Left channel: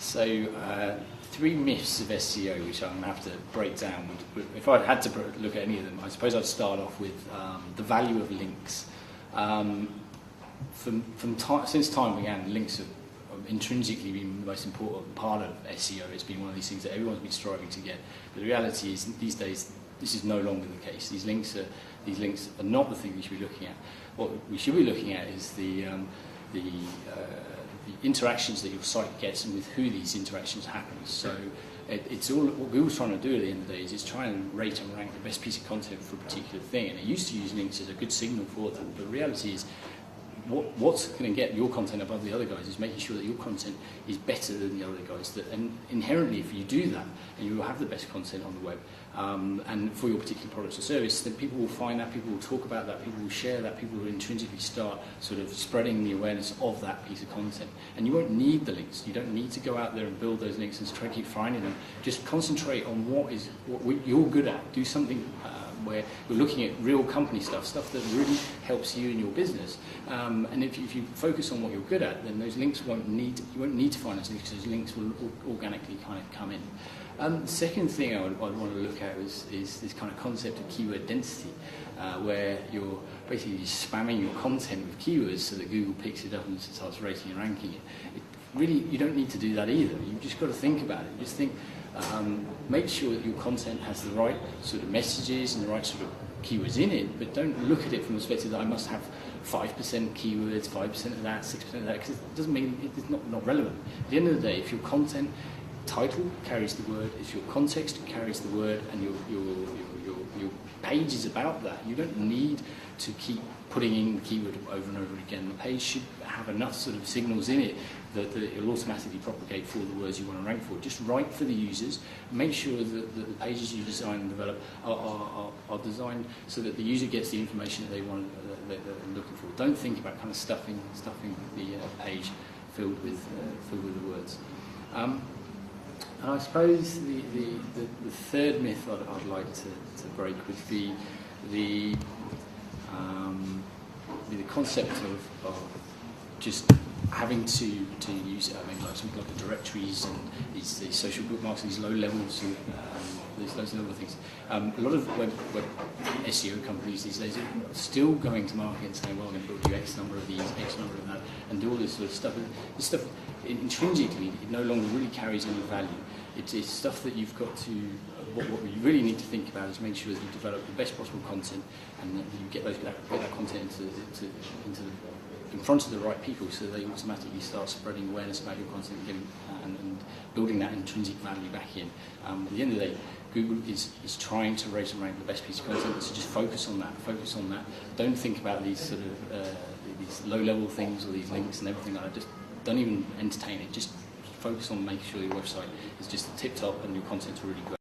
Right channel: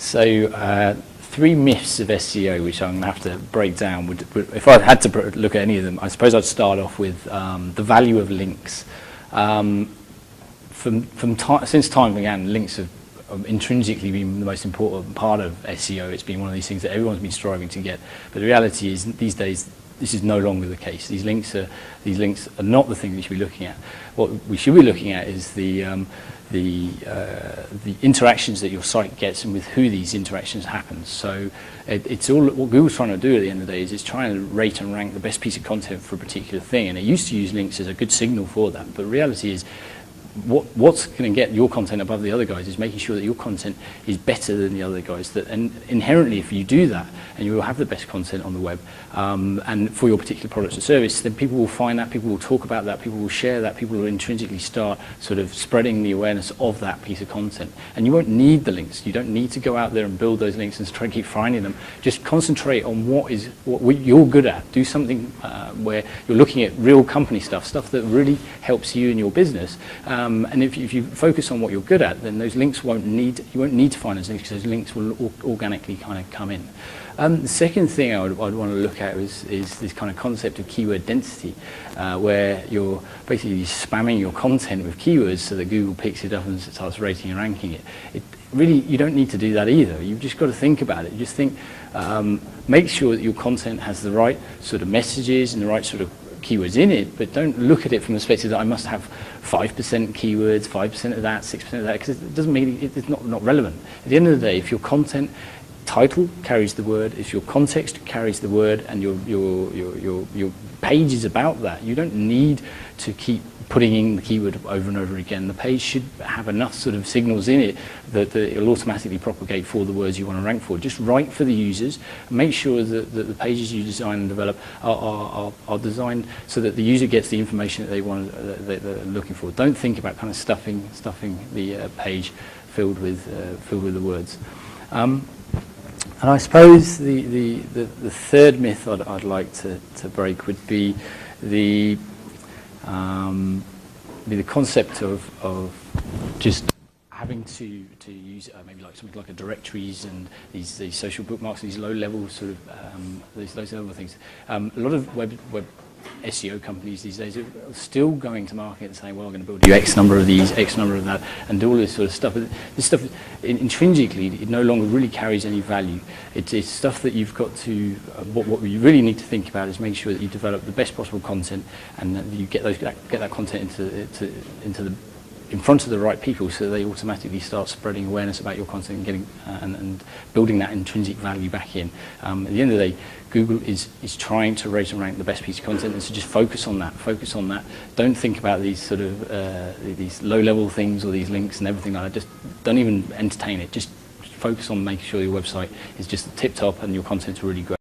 So three myths of SEO, which I'm going to have to break down. If I had to look at any of them, I suppose I'd start off with the value of links. Since time began, links have intrinsically been the most important part of SEO. It's been one of these things that everyone's been striving to get. But the reality is, these days, this is no longer the case. These links are not the thing we should be looking at. What we should be looking at is the interactions that your site gets and with who these interactions happen. So it's all what Google's trying to do at the end of the day is it's trying to rate and rank the best piece of content for a particular thing. And it used to use links as a good signal for that. But the reality is, what's going to get your content above the other guys is making sure that your content is better than the other guys. And inherently, if you do that, and you will have the best content on the web, and for your particular product or service, then people will find that, people will talk about that, people will share that, people will intrinsically start sort of spreading the awareness of that piece of content. And you won't need the links. You don't need to go out there and build those links and try and keep finding them. Just concentrate on what you're good at. Do something where you're looking at real company stuff that really helps you in your business. And if you focus on what you're good at, then those links you won't need to find those links, because those links will organically kind of come in. The second thing I'd want to look at is this kind of concept of keyword density, where you're basically spamming your content with keywords so that Google picks it up and starts rating and ranking it. Really, you don't need to do that either. You've just got to think about it. Just think, make sure that your content has the right sort of messages and the right sort of keywords in it, but don't look at it from the perspective that I must have 5% keywords, 5% of that, 6% of that, because it doesn't mean it's not relevant. At the end of the day, if your content title carries the word, if your context carries the word, and your page is about that, you don't need to keep putting in the keyword over and over again. The page should have enough sort of signals in it that it will automatically propagate for the words you want to rank for. Just write for the users. Make sure that the pages you design and develop are designed so that the user gets the information that they're looking for. Don't think about kind of stuffing the page filled with the words. And I suppose the third myth I'd like to break would be the concept of just having to use something like directories and these social bookmarks, these low levels of those other things. A lot of web SEO companies these days are still going to market and saying, well, I'm going to build you X number of these, X number of that, and do all this sort of stuff. But this stuff, intrinsically, it no longer really carries any value. It's stuff that you've got to, what you really need to think about is make sure that you develop the best possible content, and that you get that content in front of the right people, so they automatically start spreading awareness about your content and getting and building that intrinsic value back in. At the end of the day, Google is trying to rate and rank the best piece of content, and so just focus on that. Focus on that. Don't think about these sort of these low-level things or these links and everything like that. Just don't even entertain it. Just focus on making sure your website is just tip-top and your content's really great.